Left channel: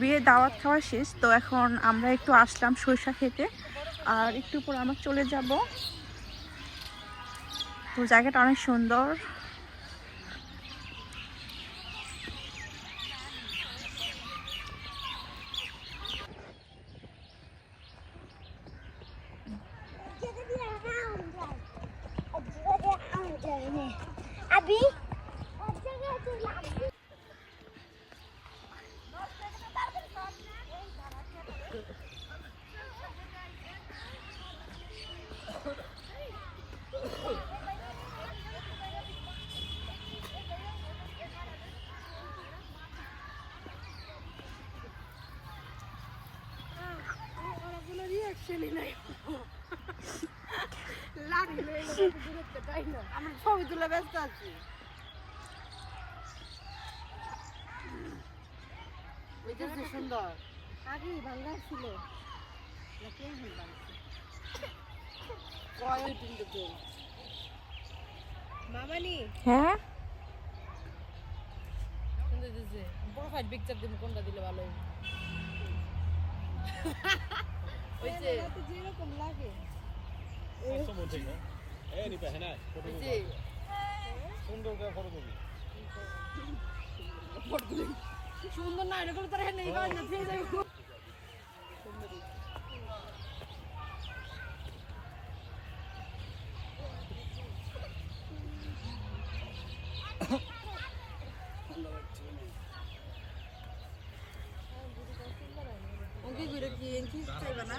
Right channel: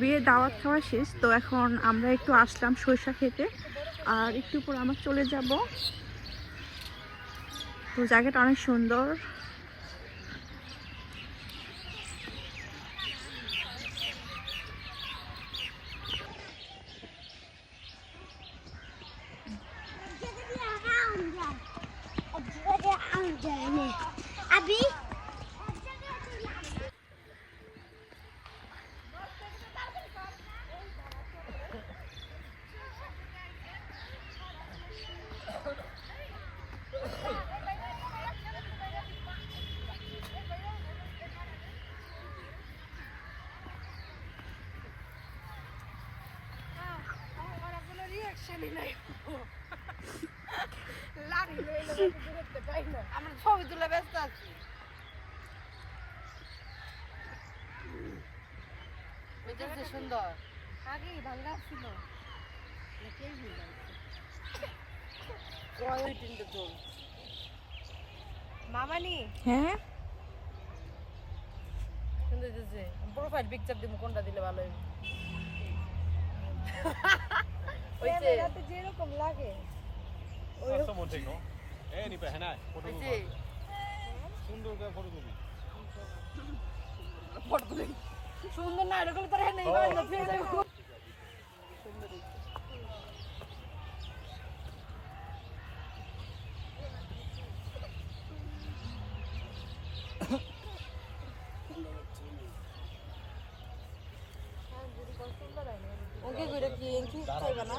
বিয়ে দাওয়াত খাওয়া শেষ, তো এখন আমরা একটু আসলাম সরিষা খেতে, আর একটু পর আমরা চলে যাব। তো জায়গাটা অনেক সুন্দর। আমি ছবি তুলে ব্যস্ত আছি যে সুন্দর আগেই ভালো লাগছিল নাকি এখন লাগছে ওই তিনটে তো মামানি হ্যাঁ প্রোফাইল পিকচার দিব কোনটা দিলে ভালো হবে ওই যে যেরকম লাগে। ওই যে সুন্দর না এরকম করে নেই বান্ধব ফিরে যাব এনকি ভিডিও কি এনকি চাইবা না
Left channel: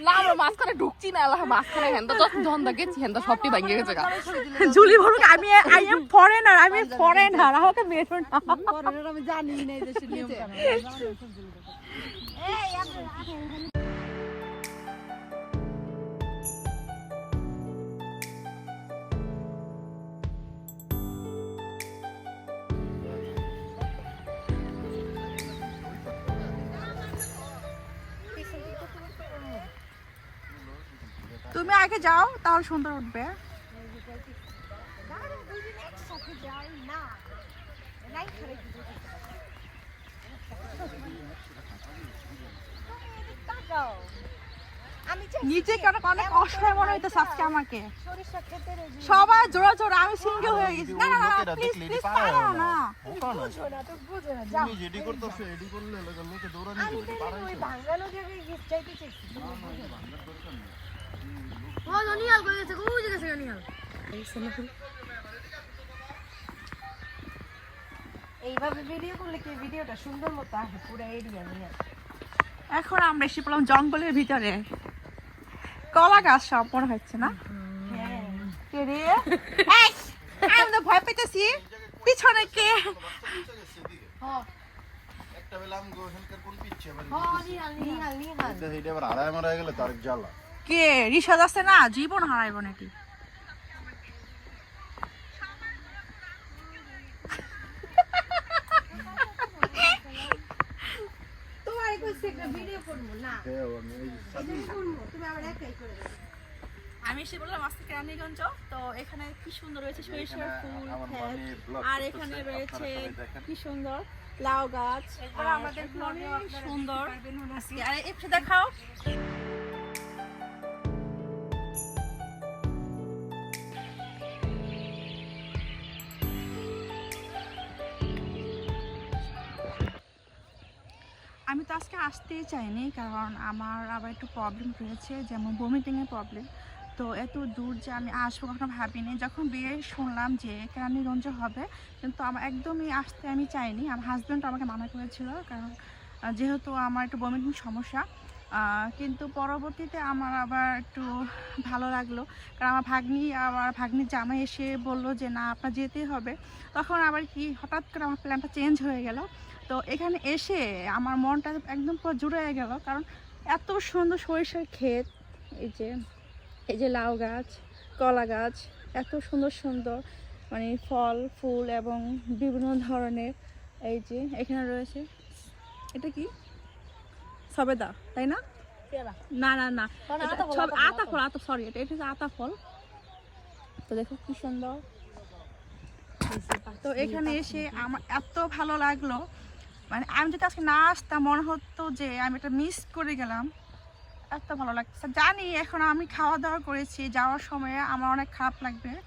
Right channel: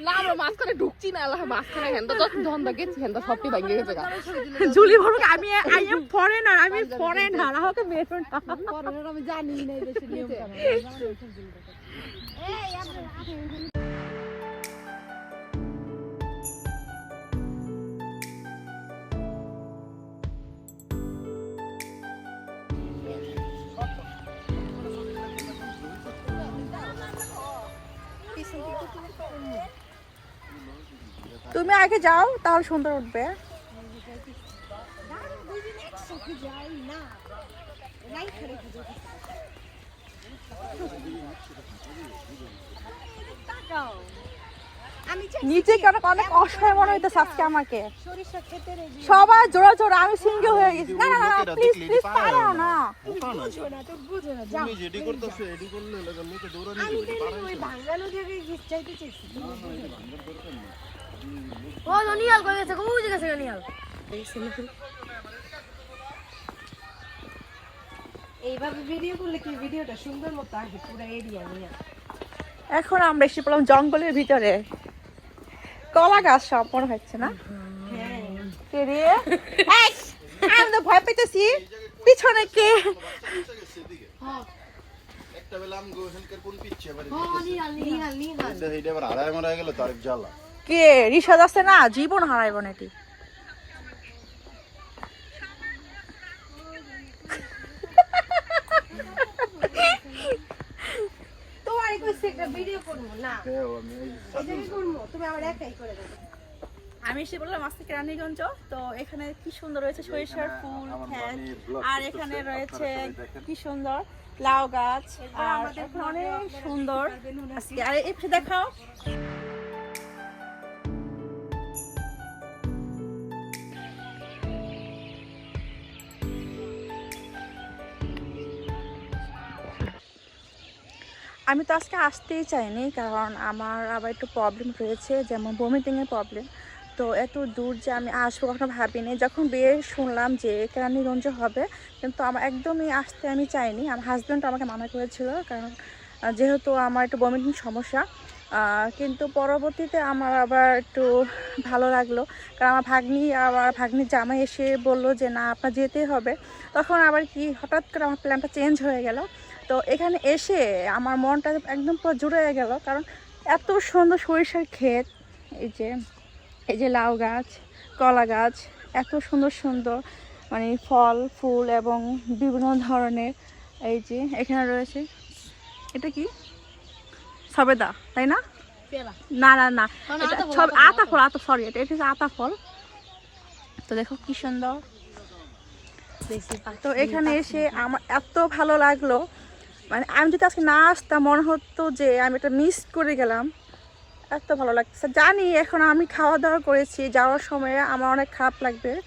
না আমি মাঝখানে ঢুকছি না আল্লাহ মাঝখানে হেন্দা যখন ধন্দা গেছি হেন্দা সবটি ভাঙে গেছে গা। জুলি বলুক আমি আই এম ফরেনার আমি ফরেনার আমাকে বেরো না আমি জানি না এই দেশের নিয়ম তুমি আগে যাও তাহলে সুন্দর উঠবে। নিচে কেন অনেক অসহায় মনে হইতেছে আজকে আমাকে। সবাই জোড়া জোড়া আমি সিঙ্গেল হয়ে গেছি। না না না প্লিজ প্লিজ পারো না। যেটি করতেছো এডি করলে লোকে লোকে দৌড়ানি ও নিয়াল কই গেছে বুঝে গেছে নিয়াল এইভাবে ভিডিও করলে কি ভিডিওটা সুন্দর মতো আসবে? পুরো এরিয়া নিয়ে। এখন আমরা এসে পড়লাম জঙ্গলের ভিতরে। কলা গাছ সব মনে হচ্ছে না? কে রে? এই, আমি তো ভয় পেতেছি। পিছনে কে? একটা বেলা আমি গোহেনকার কোন পিচ্ছে এবার নিয়াল নিয়াল নিয়াল সেইটা এবার হারায় মারা গেল তার জ্বালা। কে? রিসাদ আছে না? জীবন হারাইব নাকি? তোমার কইছে একটা ভিডিও করব না? ওই করব তুমি আমার একাই করে দেবে। আমি এসে বললাম আজ থেকে রানীগঞ্জ তো এখানে কি সুন্দর রয়েছে সরিষার ফুল হ্যাঁ, আর এখানে রয়েছে কি সুন্দর লাউ গাছ। আমাদের অনেক সুন্দর। আজকে আর একটু দেখাও। আমি তো আজকে আসতেই চাইনি, কারণ আমার আবার একটু প্রবলেম রয়েছে, যেমন ভমিটিংয়ের প্রবলেম তো এত দূর যে আমি আসব কখনো ভাবিনি। যখন বিয়ে শুনলাম যে কেরানীগঞ্জ হবে, কিন্তু আমার একদমই আসতে আমি চাইনি। আমার হাজব্যান্ড আমাকে মানা করেছিল, কারণ যেহেতু আমার একটু ভমিটিং সমস্যা কিন্তু পরবর্তীতে আমার আবার একটু ভালো লাগল। কারণ আমার ভাগ্নি আবার ভাগ্নির জামাই এসে বলল যে, না, আপনার যেতেই হবে। তখন আবার কি, হঠাৎ করে আমার প্ল্যানটা চেঞ্জ হয়ে গেল। তো এখানে এসে আমার মনটা একদম পুরো জুড়ে গেল। কারণ এত সুন্দর সরিষার ক্ষেত এই যে এই যে লাউ গাছ কলা গাছ এত সুন্দর সুন্দর মানে ফল ফুল এবং বিভিন্ন ধরনের এই যে এখানে রয়েছে এটা কি? সবেদা তাই না? না না না এটা আতা ফল, সব আতা ফল, আতা সরি এটা এটা হচ্ছে আতা ফল তো দেখো কি সুন্দর। তো এখানে এসে আমার এত ভালো লাগল। মানে আমি যদি আজকে না আসতাম, মনে হতো যে আমি এটা মিস করে গেলাম। এত ভালো লাগছে জানি এখন আমি খাওয়া দাওয়া করেছি, যাওয়ার সময় আমার অনেক খারাপ লাগবে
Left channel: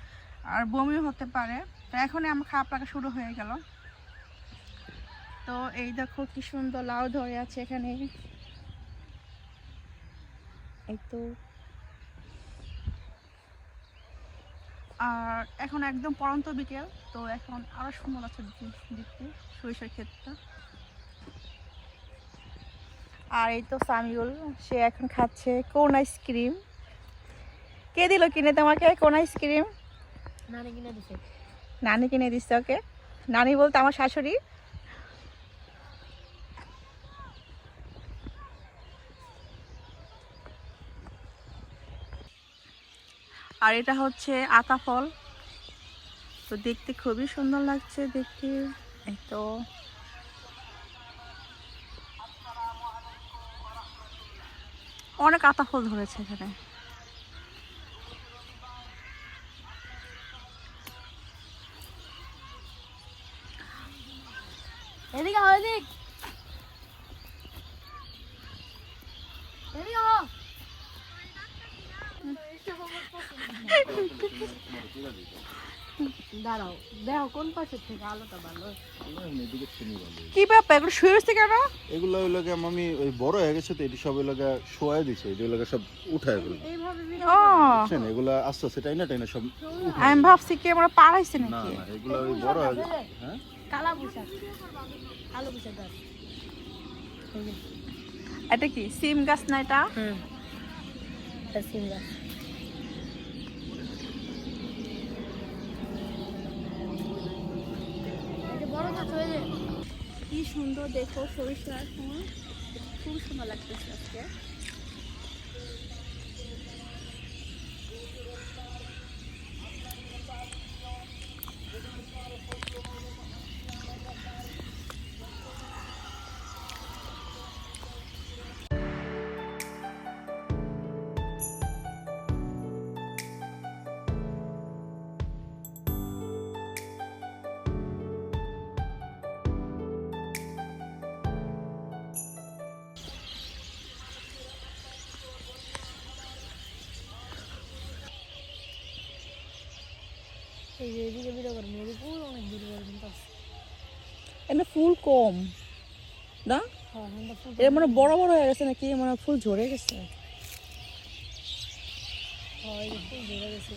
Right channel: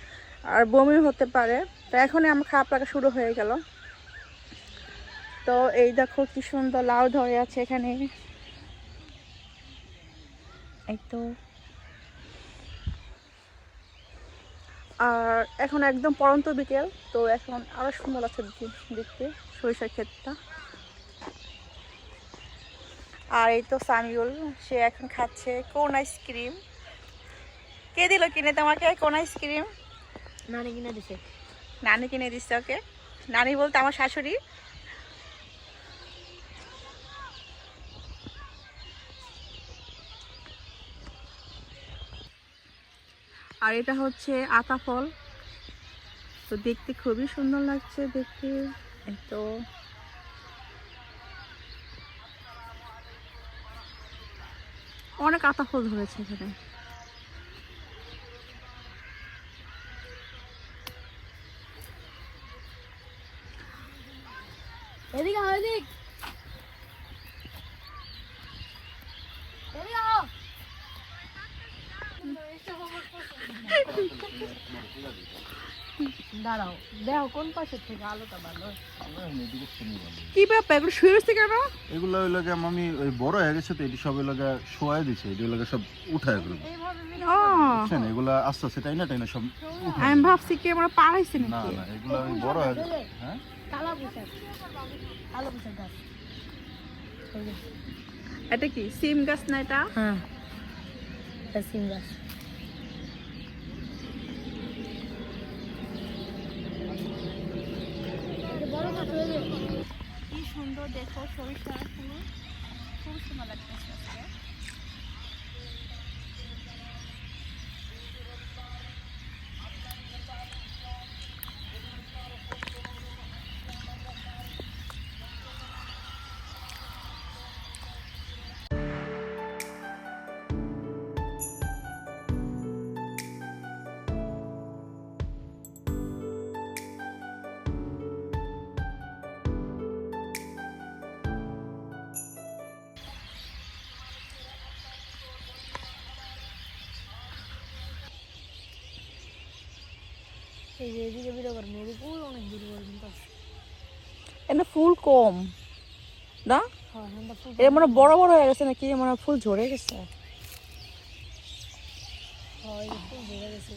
আর বমি হতে পারে। তো এখনই আমার খারাপ লাগা শুরু হয়ে গেল। তো এই দেখো কি সুন্দর লাউ ধরে আছে এখানে। আর এখন একদম পরন্ত বিকেল, তো এখন আরও সুন্দর দেখতে- দেখতে, সরিষার ক্ষেতটা। আর এই তো সামিউল সে এখন খাচ্ছে কোন আইসক্রিম? কে দিল কিনে তোমাকে? কোন আইসক্রিম? নানি কিনে দিছে। নানি কিনে দিচ্ছে ওকে? নানি বলতে আমার শাশুড়ি? আর এটা হচ্ছে আতা ফল। তো দেখতে খুবই সুন্দর লাগছে দেখতে। তো আতা ফল ধরেছে এখানে। এদিকে হয় এদিকে আহ দাঁড়াও দেখো কোন পাশে থেকে আলোটা ভালো কি ব্যাপার? এগুলো শুয়ে রয়েছে কেন? এগুলো ওই লাগে মামি ওই বড় হয়ে গেছে তো এটি সব ওই লাগে শোয়াই দিছে এটি লাগে সব উঠায় ফেলবে। ও। এগুলা আস্তে আস্তে টাইনা টাইনা সব। আমি ভাবছি কি আমরা পাড়াইছে নাকি? এগুলো ওই বড় হয়ে গেছে। হ্যাঁ? কালা পোশাক। কালো পোশাক গাছ। এটা কি? সিম গাছ না এটা? হ্যাঁ। এটা সিম গাছ কি সুন্দর দেখো সরিষার সময় খুব সুন্দর লাগতেছে আজকে। এই যে এদিকে বিরো করবেন এদিকে পুরো অনেক দূর করবেন তো ফুল কম না? হ্যাঁ হ্যাঁ এটা মানে বড় বড় হয়ে গেছে নাকি মানে ফুল ঝরে গেছে। হয় ফুল ঝরে গেছে।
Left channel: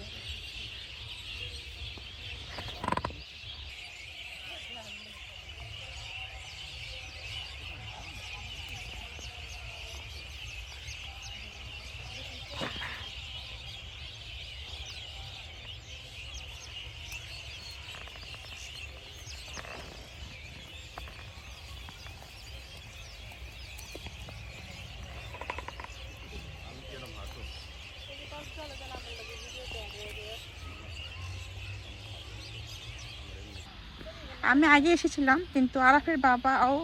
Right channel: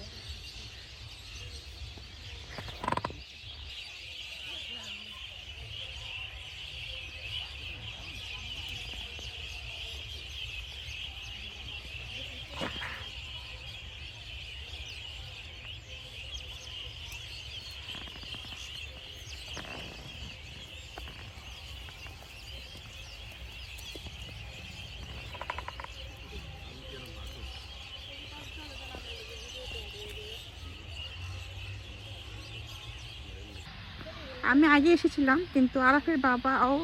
আমি আগে এসেছিলাম কিন্তু আরাফের বাবাও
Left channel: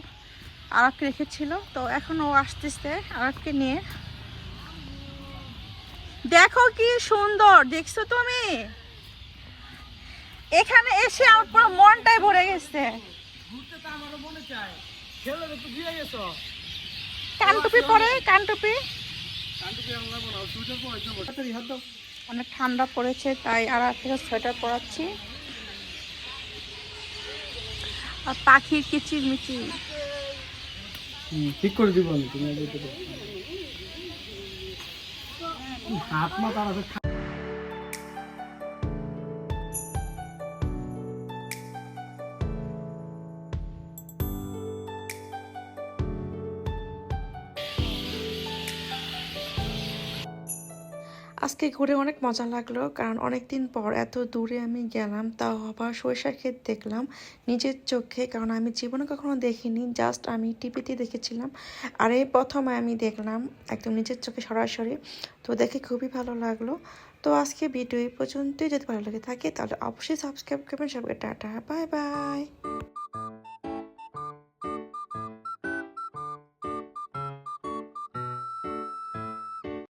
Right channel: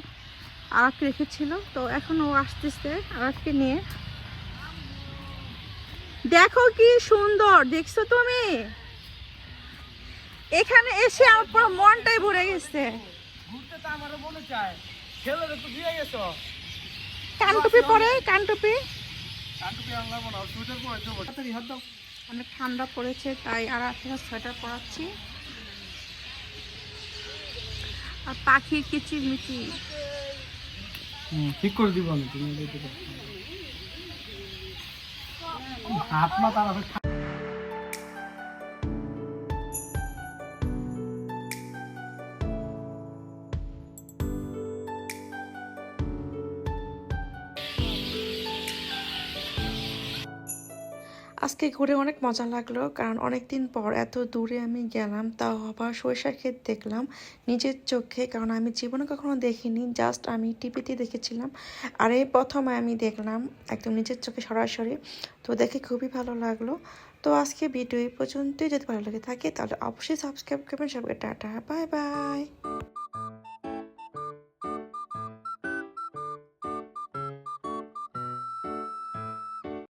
আরাফকে রেখেছিল। তো এখন ও আসতেছে আরাফকে নিয়ে। দেখো কি সুন্দর দেখছ তুমি? এখানে এসে আমার পুরো মনটাই ভরে গেছে। কানটুপি পরে কানটুপি অনেক ঠান্ডা পড়েছে তাই আর থেকে সোয়েটার পরাচ্ছি। আর পাখির কিচির মিচির। হুম, ঠিক করে দিব আমি তুমি হাত মা তার আজকে ঘুরে অনেক মজা লাগল, কারণ অনেক দিন পর এত দূরে আমি গেলাম, তাও আবার সরিষার ক্ষেত দেখলাম নিজের চোখে, কারণ আমি জীবনে কখনো দেখিনি জাস্ট আমি টিভিতে দেখেছিলাম। আর এই প্রথম আমি দেখলাম একদম নিজের চোখে সরাসরি, তো দেখে খুবই ভালো লাগল। তো আজকে ভিডিও এই পর্যন্তই, যদি ভালো লাগে থাকে তাহলে অবশ্যই সাবস্ক্রাইব করবেন। সবাইকে টাটা বাই বাই